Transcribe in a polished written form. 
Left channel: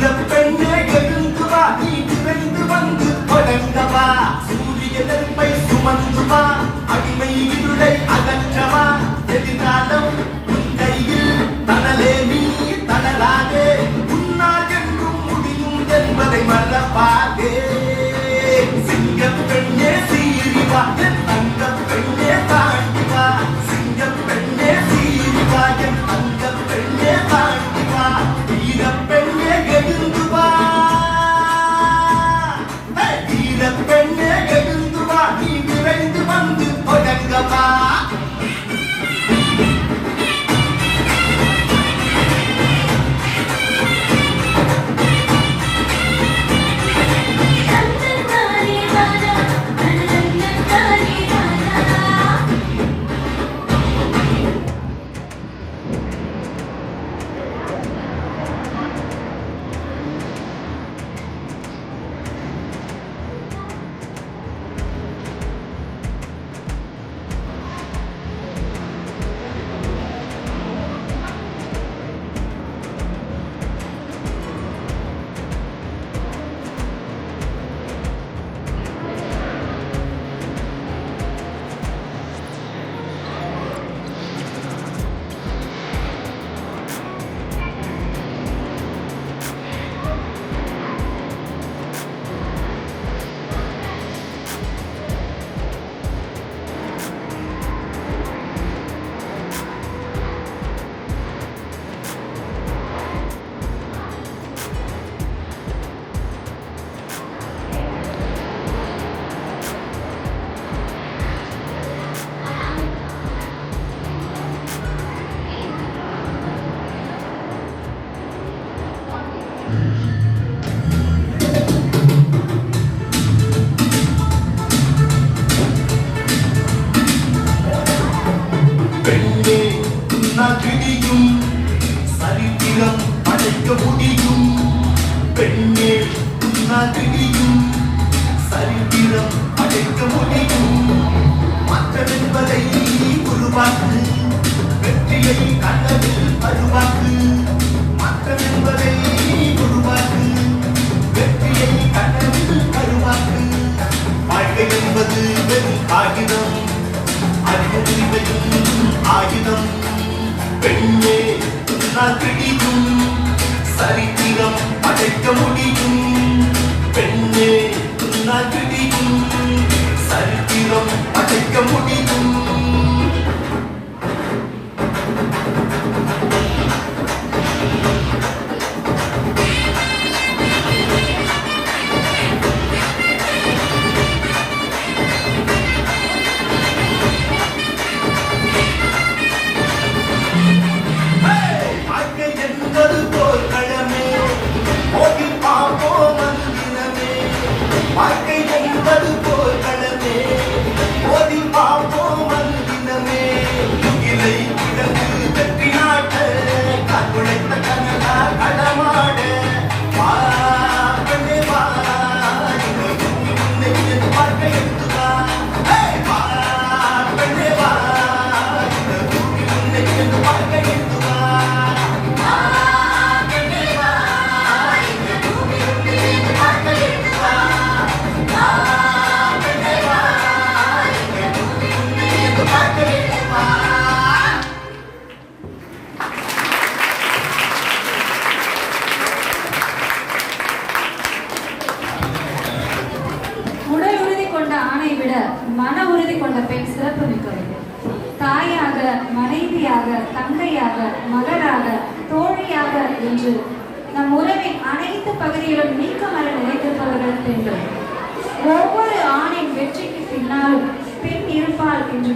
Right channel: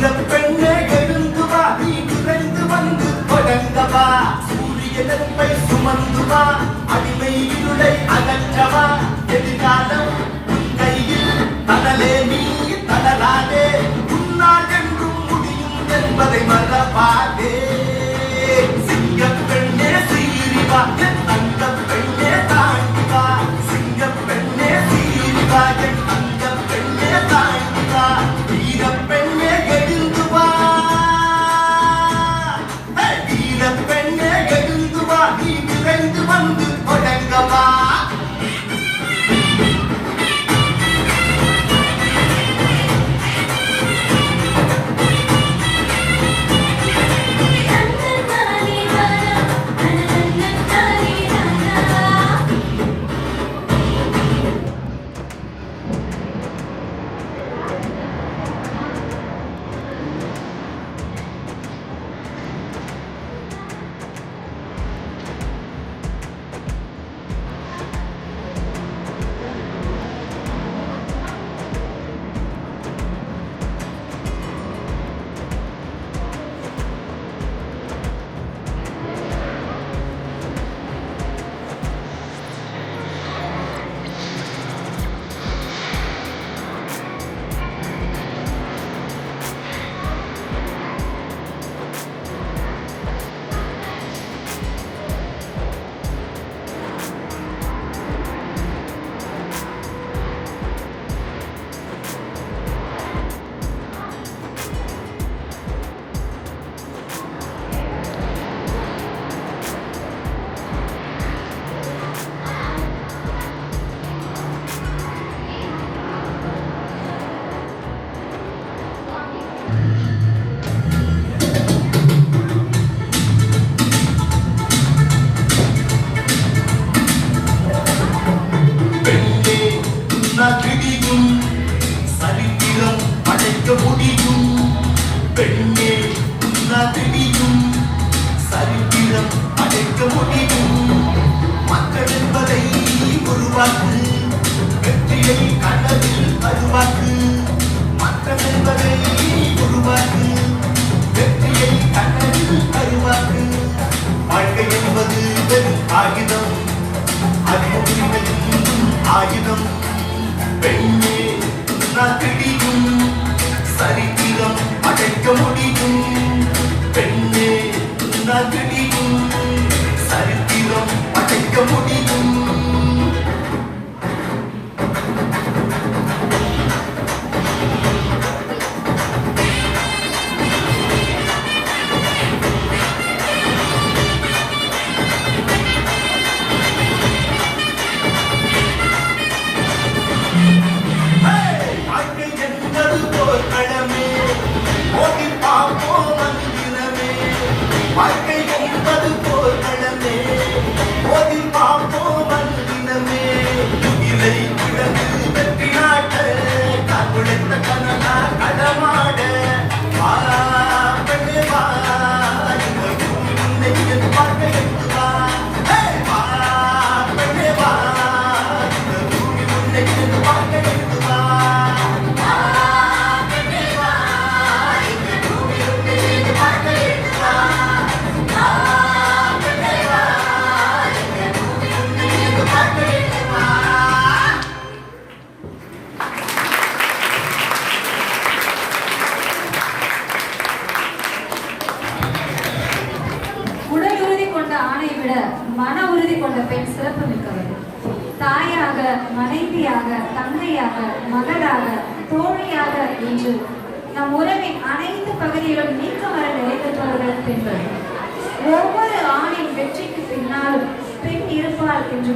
பெண்ணே எழுந்து வா, நீ விரைந்து வந்து தொடங்கவா. சூரிய நெருப்பை சுமந்து வா, அடிமை இருளை அகற்றவா. எதிர்காலம் உன் கையில், தனலே நீ தளராதே. உன்னால் என்றும் முடியும் என்பதை மறவாதே. சிங்கப் பெண்ணே சீறி வா, என் தங்கப் பெண்ணே தாண்டி வா. சிங்கப் பெண்ணே சீறி வா, என் தங்கப் பெண்ணே தாண்டி வா. வீரப் பெண்ணே எழுந்து வா, வீரப் பெண்ணே எழுந்து வா, நீ விரைந்து வந்து தொடங்கவா. பெண்ணே உன்னால் பிடிக்கும் சரித்திரம் அடைக்க முடியும். பெண்ணே உன்னால் பிடிக்கும் சரித்திரம் அடைக்க முடியும். மக்கள் என்பதை உருவாக்கு, வெற்றியை கனவில் அருவாக்கு. மக்கள் என்பதை உருவாக்கு, வெற்றியை கனவில் அருவாக்கு. வாழ்க்கை என்பது வெறும் காகிதம், ஆயுதம். பெண்ணே உன்னால் பிடிக்கும் சரித்திரம் அடைக்க முடியும். பெண்ணே உன்னால் பிடிக்கும் சரித்திரம் அடைக்க முடியும். மன உறுதி கொண்ட பெண் சிறப்பு மிக்கவர். தாயாக, மனைவியாக, தங்கையாக, மகளாக, தோழியாக என்று நம் உறவின் அனைத்து பகுதியிலும் நீக்கமர நிலைத்திருப்பவர்கள் பெண்கள். ஒவ்வொரு ஆணின் வெற்றிக்கு பின்னாலும் பெண் இருப்பாள் என்று